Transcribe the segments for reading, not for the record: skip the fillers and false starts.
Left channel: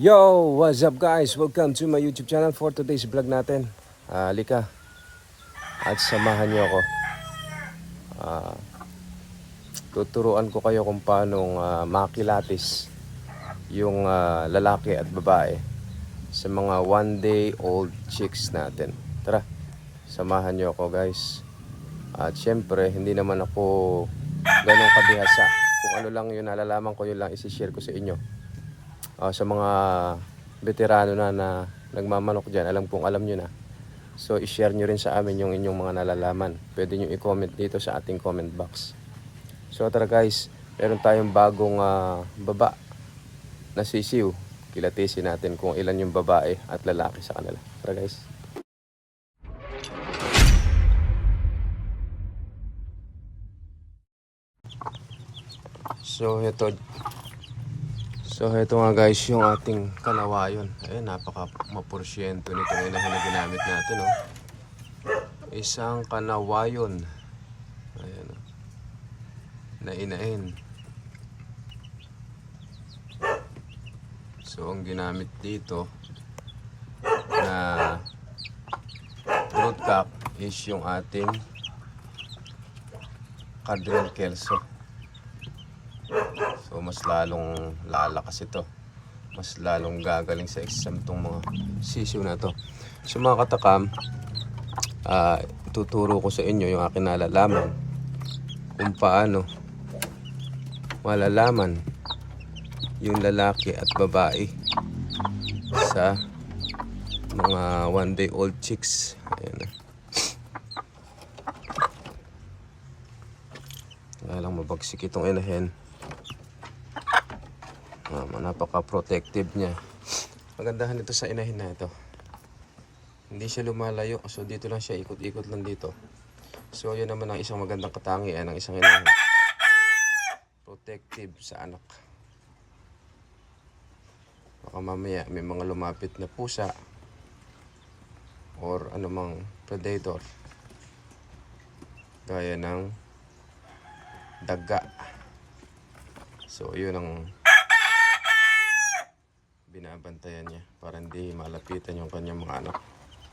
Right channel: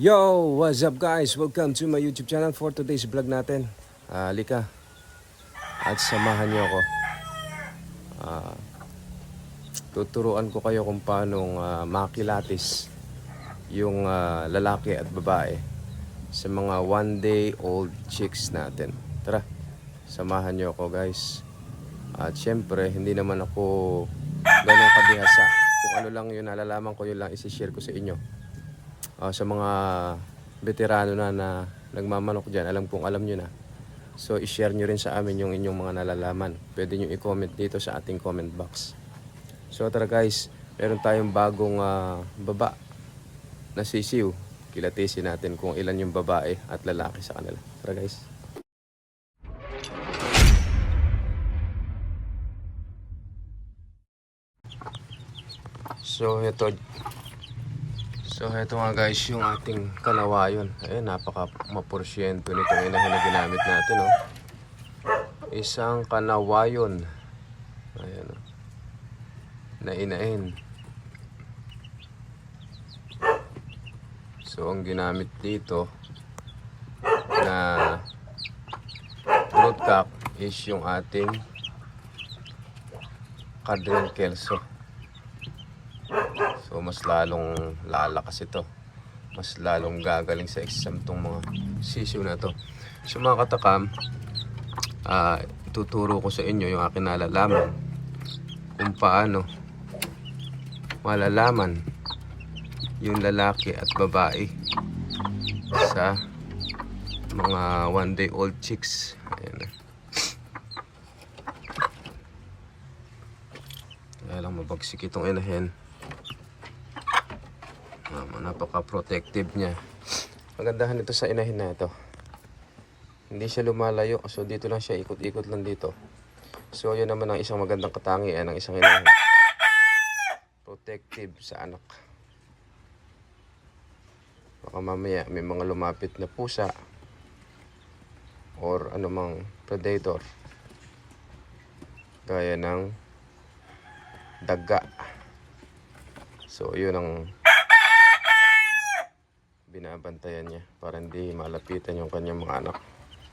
Yo! What's up guys? Welcome to my YouTube channel for today's vlog natin. Halika at samahan niyo ako. Tuturuan ko kayo kung paano makilatis yung lalaki at babae sa mga 1-day-old chicks natin. Tara, samahan niyo ako guys. At syempre, hindi naman ako ganong kabihasa. Kung ano lang yun nalalaman ko, yun lang isi-share ko sa inyo. Sa mga veterano na nagmamanok dyan, alam nyo na. So i-share nyo rin sa amin yung inyong mga nalalaman. Pwede nyo i-comment dito sa ating comment box. So tara guys, meron tayong bagong baba na sisiw. Kilatisin natin kung ilan yung babae at lalaki sa kanila. Tara guys. So ito nga guys yung ating kanawayon. Ayun, napaka maporsyento nito na ginamit natin, oh. Isang kanawayon. Ayan, oh. Nainain. So ang ginamit dito na broodcock is yung ating Cadrian Kelso. So mas lalong lalakas ito. Mas lalong gagaling sa exam tong mga sisiw na to. So mga katakam, tuturo ko sa inyo yung aking nalalaman kung paano malalaman yung lalaki at babae sa mga 1-day-old chicks. Ayan na. Kaya lang mabagsik itong inahin. Napaka-protective niya. Magandahan ito sa inahin na ito. Hindi siya lumalayo. So dito lang siya, ikot-ikot lang dito. So yun naman ang isang magandang katangian ng isang inahin. Protective sa anak. Baka mamaya may mga lumapit na pusa or anumang predator gaya ng daga. So yun ang binabantayan niya para hindi malapitan yung kanyang mga anak.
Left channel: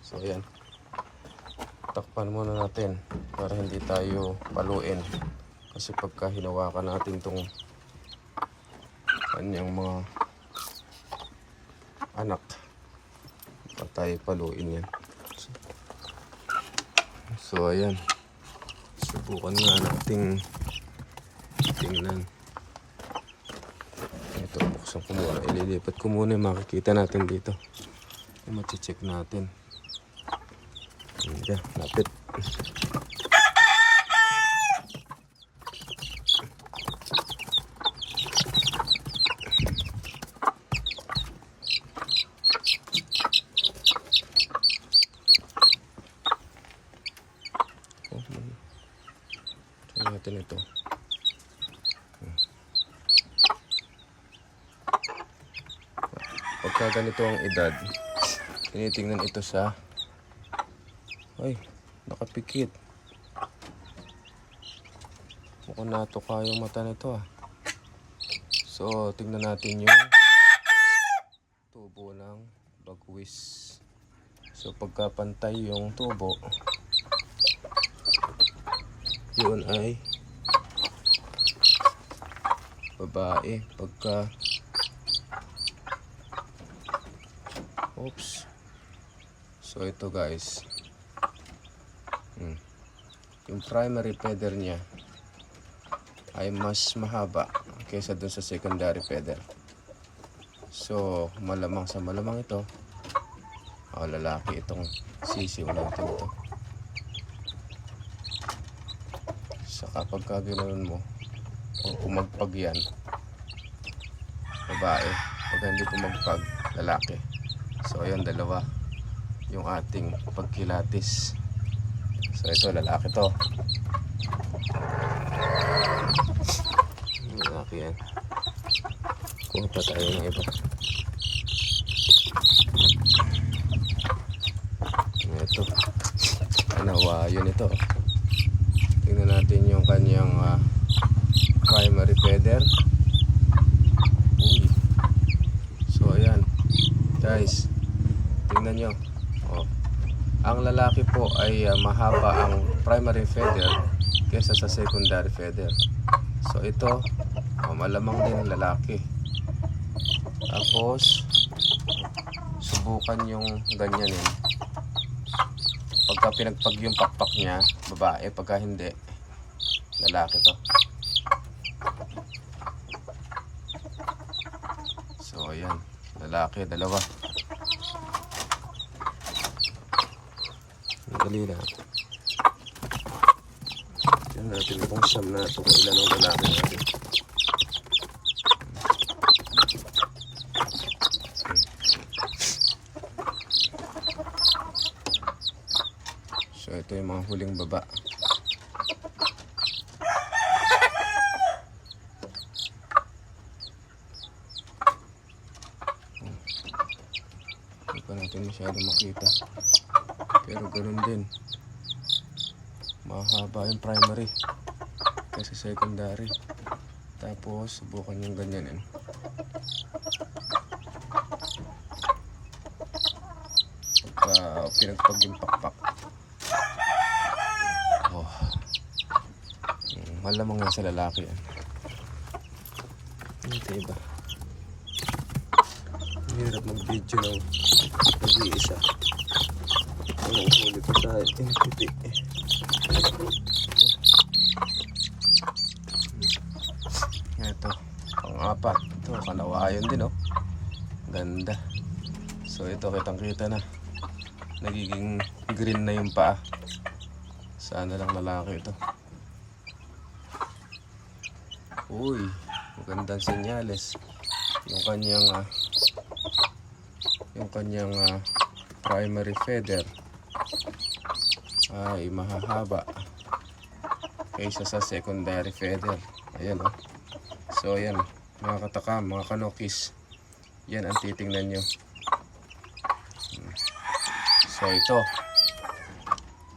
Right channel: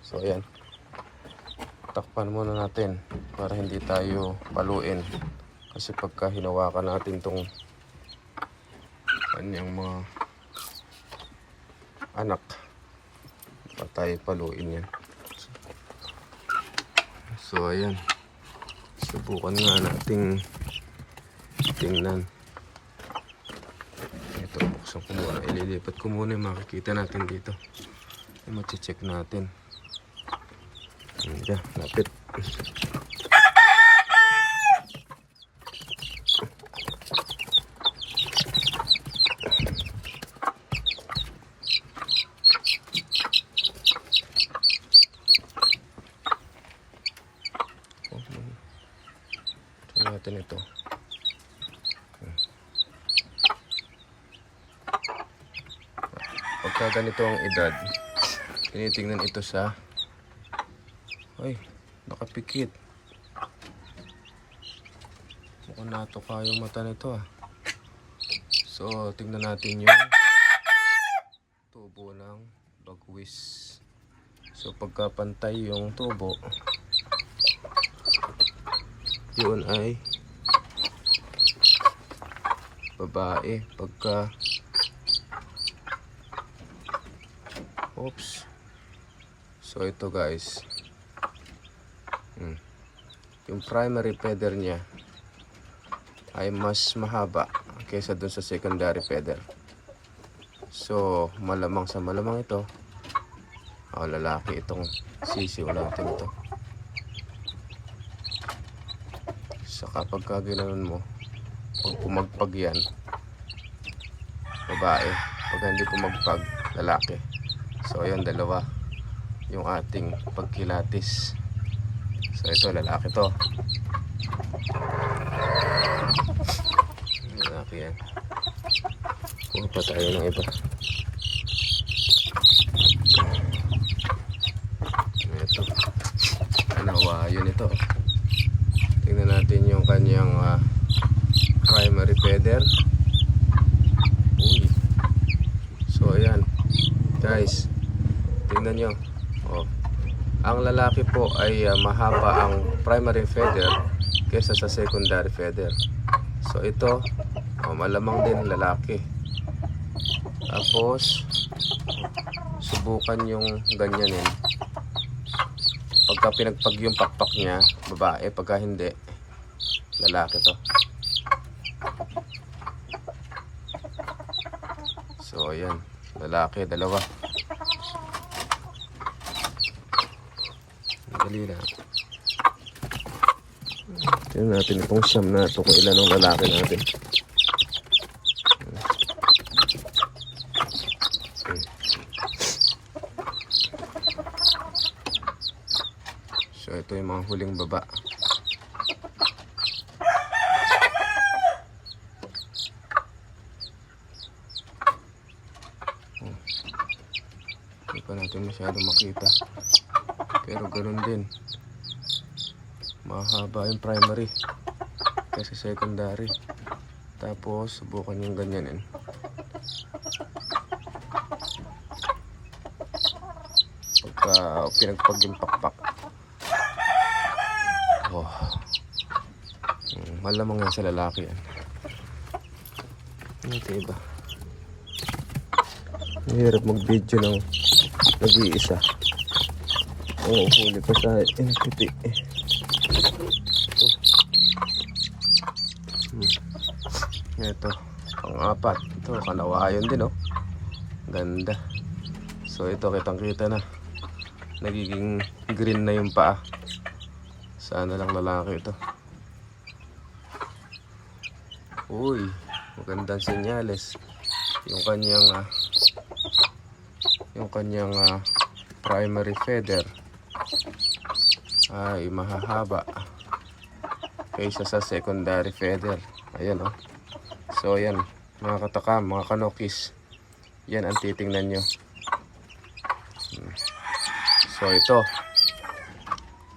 So ayan, takpan muna natin para hindi tayo paluin, kasi pagka hinawakan natin tong kanyang mga anak, pa tayo paluin yan. So ayan, subukan nga nating tingnan. Ito, buksan ko muna. Ililipat ko muna yung makikita natin dito. Yung mati-check natin. Ayan, lapit. Tignan natin ito. Pagka ganito ang edad, tinitingnan ito sa, ay, nakapikit. Mukhang natuka yung mata nito, ah. So tingnan natin yung tubo ng bagwis. So pagka pantay yung tubo, yun ay babae. Pagka oops. So ito guys, yung primary feather niya ay mas mahaba kaysa dun sa secondary feather. So malamang sa malamang ito lalaki itong sisiw natin ito. Saka pagka ginanon mo, pag pumagpag yan, babae. Pag hindi pumagpag, lalaki. So ayan, dalawa yung ating pagkilatis. So ito, lalaki to. Lalaki yan. Kuha pa tayo ng iba. Ito, kanawayon ito. Tingnan natin yung kanyang primary feather. So ayan, guys, tingnan nyo. Oh. Ang lalaki po ay mahaba ang primary feather kesa sa secondary feather. So ito, malamang din lalaki. Tapos subukan yung ganyanin. Pagka pinagpag yung pakpak niya, babae. Pagka hindi, lalaki to. So ayan, lalaki, dalawa. Dali na. Tignan natin kung siyam na ito, kung ilan ang lalaki natin. So ito yung mga huling baba. Hindi pa natin masyado makita. Pero ganun din. Mahaba yung primary kasi secondary. Tapos subukan yung ganyanin. Pagka pinagpag yung pakpak. Oh. Malamang yan sa lalaki yan. Okay ba? Mahirap mag-video ng nag-iisa. Oo, huli pa sa puti. Ito, pang-apat. Ito, kanawayon din, oh. Ganda. So ito, kitang-kita na. Nagiging green na yung paa. Sana lang lalaki ito. Uy, magandang senyales. Yung kanyang primary feather ay mahahaba kaysa sa secondary feather. Ayan, oh. So ayan, mga katakam, mga kanokis, yan ang titingnan nyo. So ito,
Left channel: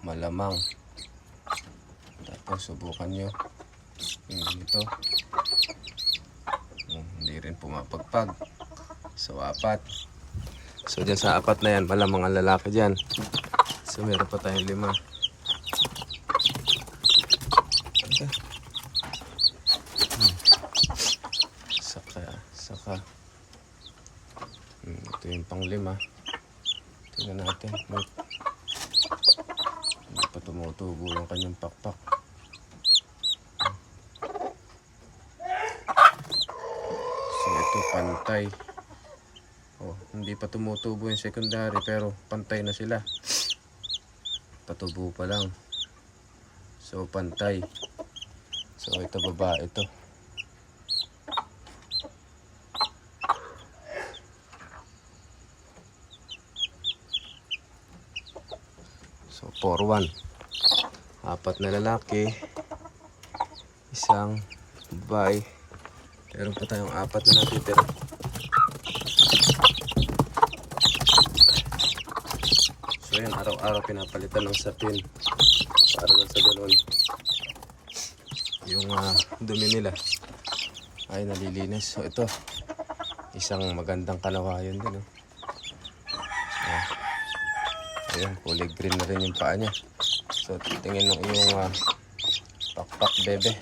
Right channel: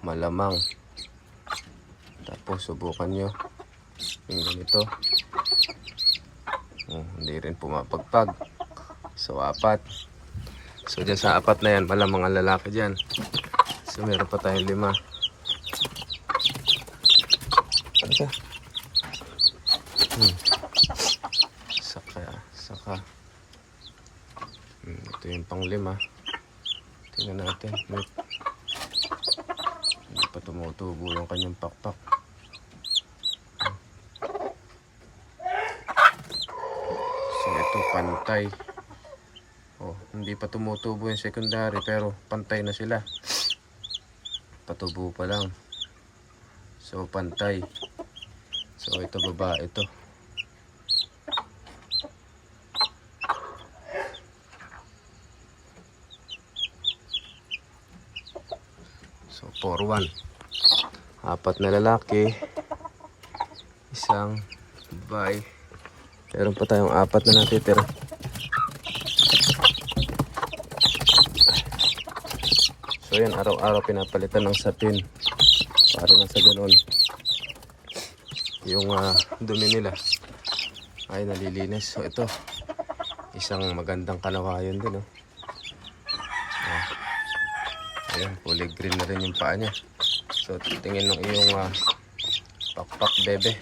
malamang. Tapos subukan nyo yung ganito. Hindi rin pumapagpag. So apat. So dyan sa apat na yan, malamang ang lalaki dyan. So meron pa tayong 5. Ano siya? Saka. Ito yung pang 5. Tingnan natin. Hindi pa tumutubo yung kanyang pakpak. So ito pantay. Oh, hindi pa tumutubo yung secondary pero pantay na sila. Patubo pa lang. So pantay. So ito babae ito. So 4-1. 4 na lalaki, isang babae. Meron pa tayong 4 na natitira. So yan, araw-araw pinapalitan ng satin para na sa ganun yung dumi nila ay nalilinis. So ito, isang magandang kanawayon din, oh. Ayan, kulay green na rin yung paa niya. So tingin ng iyong pakpak bebe.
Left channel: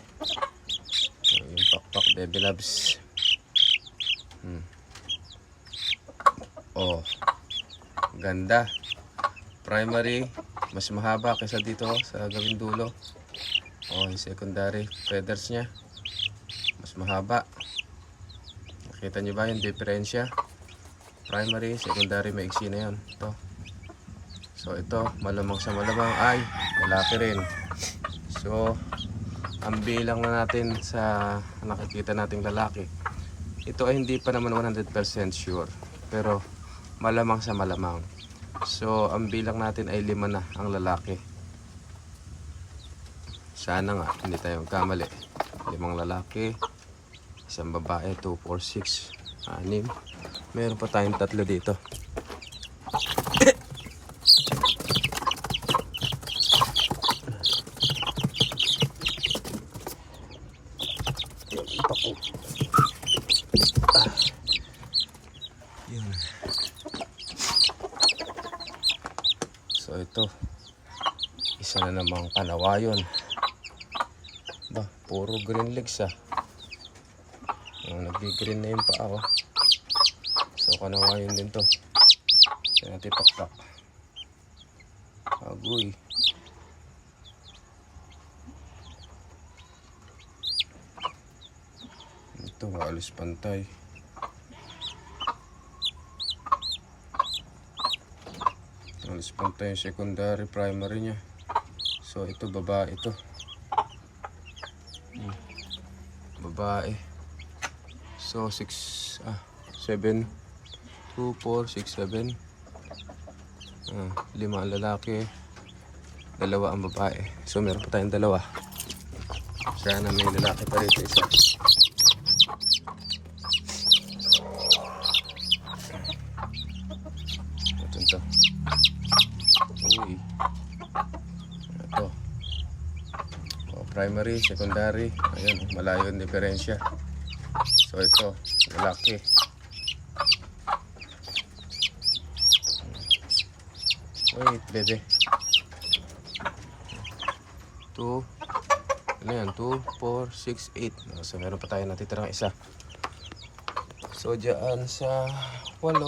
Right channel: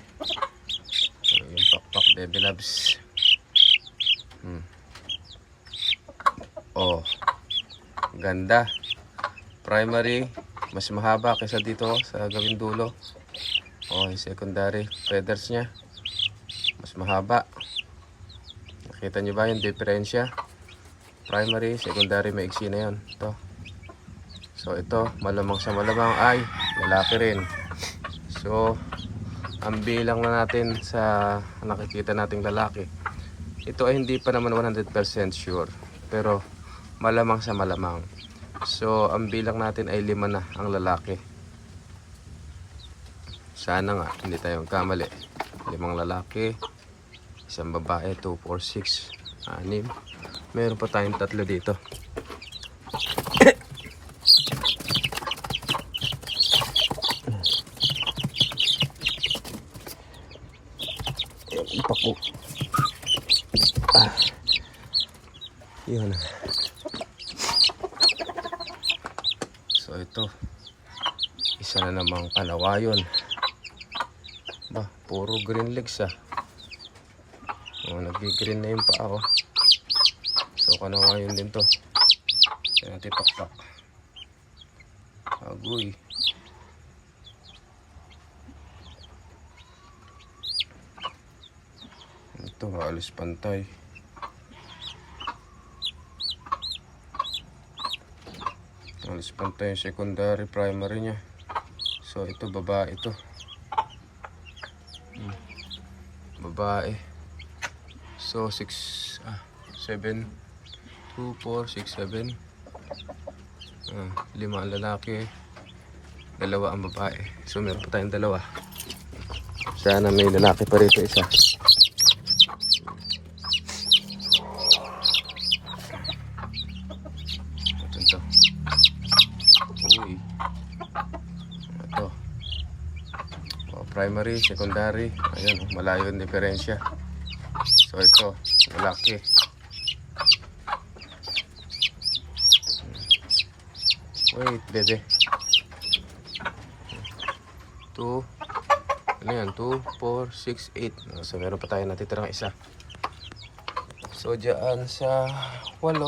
Yung pakpak bebe loves. Oh, ganda. Primary, mas mahaba kaysa dito sa gawing dulo. Oh, yung secondary feathers niya, mas mahaba. Nakita niyo ba yung diferensya? Primary, secondary, maiksi na yun. Ito. So ito, malamang sa malamang ay lalaki rin. So, ang bilang na natin sa nakikita nating lalaki, ito ay hindi pa naman 100% sure. Pero malamang sa malamang. So, ang bilang natin ay 5 na ang lalaki. Sana nga, hindi tayo magkamali. 5 lalaki, isang babae, 2, 4, 6, 6. Meron pa tayong 3 dito. Yun. So ito, isa na namang kanawayon. Ba, puro green legs ah. Oh, nag-green na yung paa oh. So kanawayon din to. Kaya natin taktak. Agoy. Ito, halos pantay. Halos pantay yung secondary, primary nya. So ito, babae ito. Babae. So 6, 7, 2, 4, 6, 7. 5 ang lalaki, 2 ang babae. So meron pa tayong 2. Sana may lalaki pa rito isa. Ito. Uy. Ito. Primary, secondary. Ayan, malayo yung diferensya. So ito, lalaki. Wait, bebe. 2. Ano yan? 2, 4, 6, 8. So meron pa tayo natitirang isa. So dyan sa 8,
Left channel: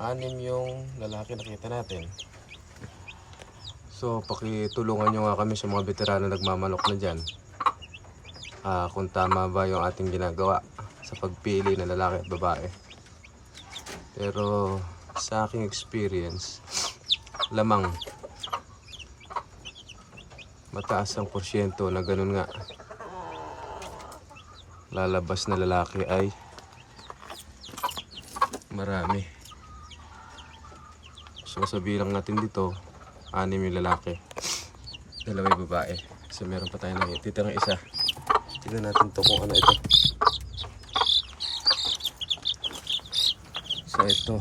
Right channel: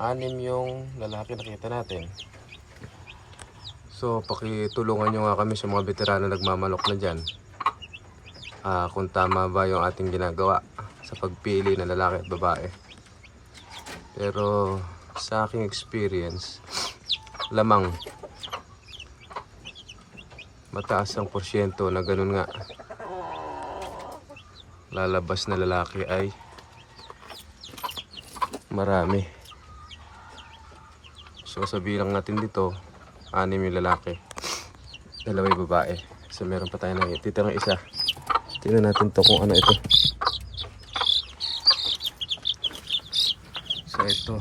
6 yung lalaki nakita natin. So pakitulungan nyo nga kami sa mga veterano nagmamanok na dyan. Kung tama ba yung ating ginagawa sa pagpili ng lalaki at babae. Pero sa aking experience, lamang mataas ang porsyento na ganun nga lalabas na lalaki ay marami. So sabihin lang natin dito 6 yung lalaki, 2 yung babae. So meron pa tayo na titirang isa. Tingnan natin to kung ano ito. So ito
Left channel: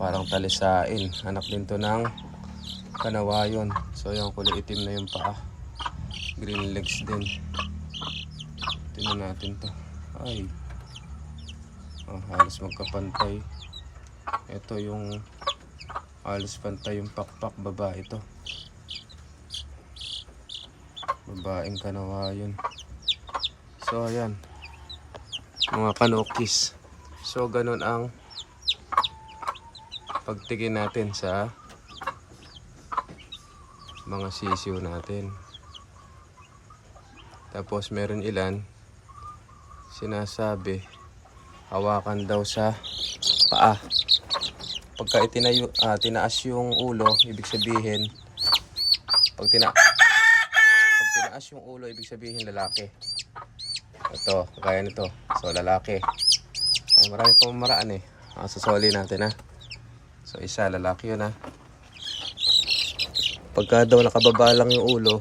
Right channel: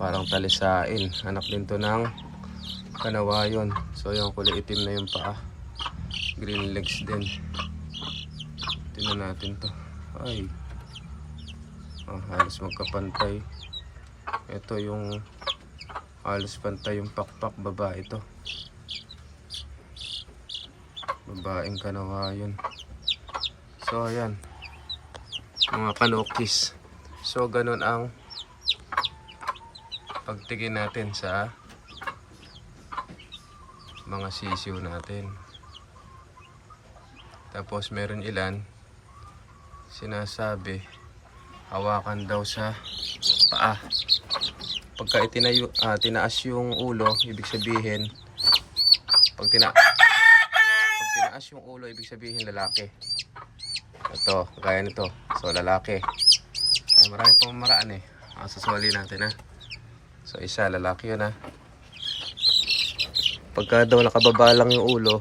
parang talisain, anak din to ng kanawayon. So yung kulay itim na yung paa, green legs din. Tingnan natin to. Ay, halos magkapantay. Ito yung halos pantay yung pakpak, babae ito. Babaeng kanawayon. So ayan, mga kanokis. So ganun ang pagtingin natin sa mga sisiw natin. Tapos meron ilan sinasabi hawakan daw sa paa. Pagka tinaas yung ulo, ibig sabihin pag tinaas yung ulo, ibig sabihin lalaki. Ito, gaya nito. So lalaki. Ay, marami pa maraan eh. Susuli natin ha. So isa, lalaki yun ha. Pagka daw nakababa lang yung ulo,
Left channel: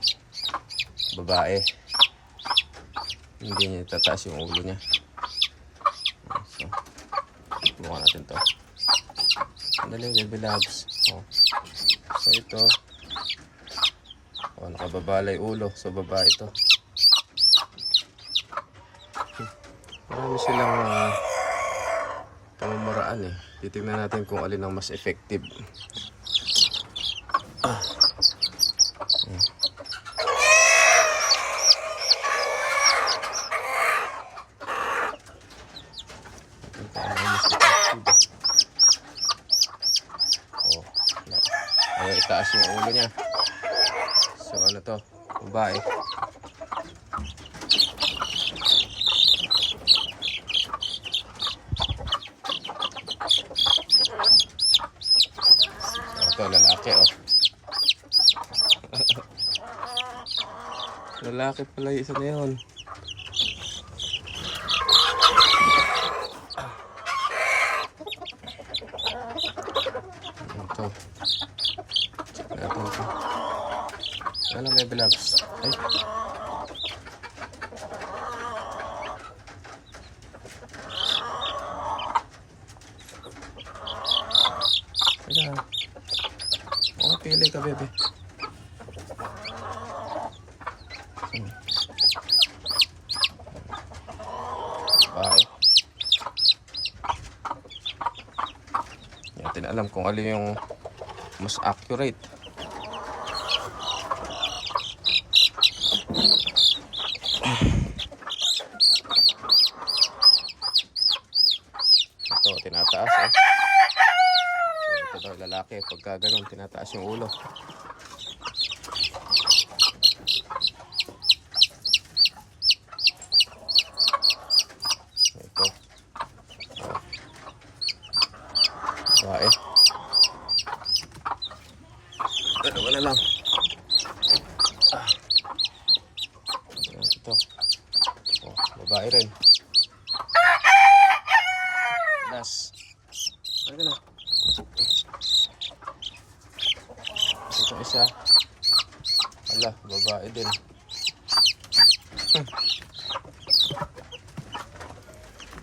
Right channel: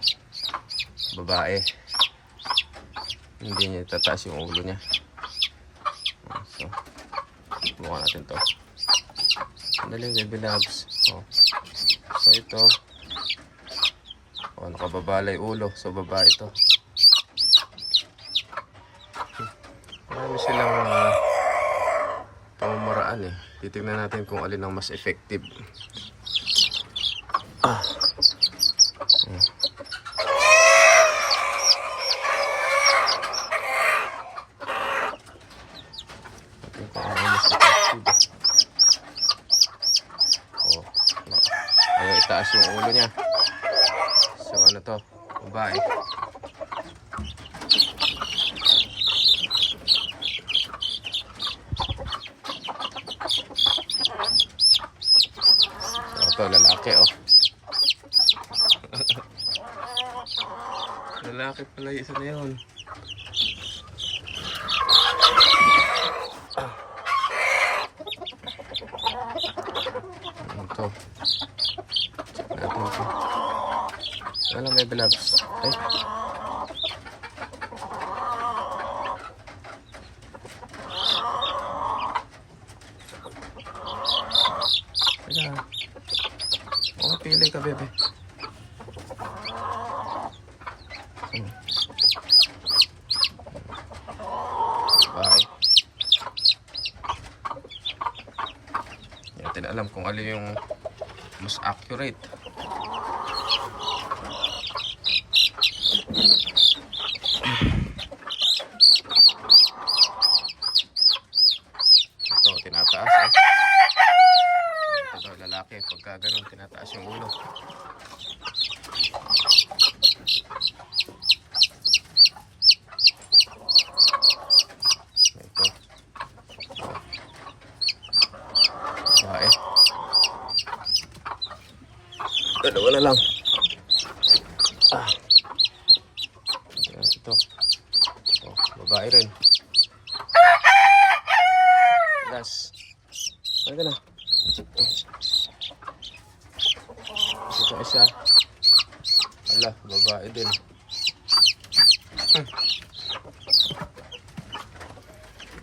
babae. Hindi niya tataas yung ulo niya. So, buka natin to. Sandali, baby loves. So ito. Nakababa lang yung ulo. So babae ito. Marami silang pamamaraan eh. Titignan natin kung alin ang mas effective. Ayaw itaas yung ulo niya. So ano to? Babae. Ito lalaki oh. Lalaki pala yung isa na yun. Ito. Natin ito. Ano baby loves? Ay. Kaya. Pili ka bebe. Bye. natin alam kung alin yung mas accurate. Ito, tinataas eh. So, ito daw lalaki, pagka ganun, tinataas yung ulo. Ito. Babae. Dalawa na lang. Ayan, ito. Oh, babae rin. Last. Ay, gano'n. Ito isa. Ala, babae din.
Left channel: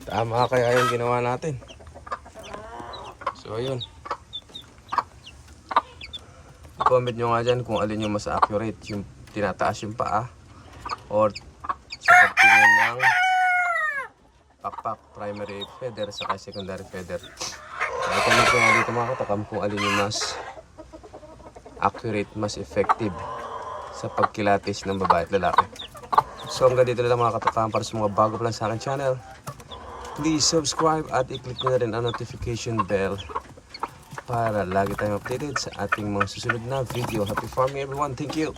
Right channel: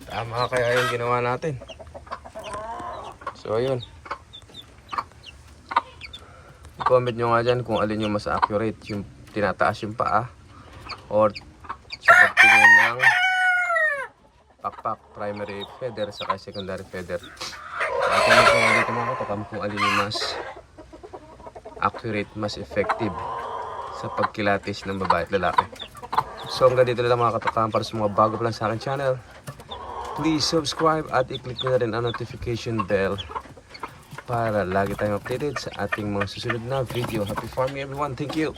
Tama kaya yung ginawa natin. So, ayun. I-comment nyo nga dyan kung alin yung mas accurate. Yung tinataas yung paa or sa pagtingin ng pakpak, primary feather saka secondary feather. I-comment nyo nga dito mga katakam kung alin yung mas accurate, mas effective sa pagkilatis ng babae at lalaki. So hanggang dito lang mga katakam. Para sa mga bago pa lang sa aking channel, please subscribe at i-click nyo na rin ang notification bell para lagi tayong updated sa ating mga susunod na video. Happy farming everyone. Thank you.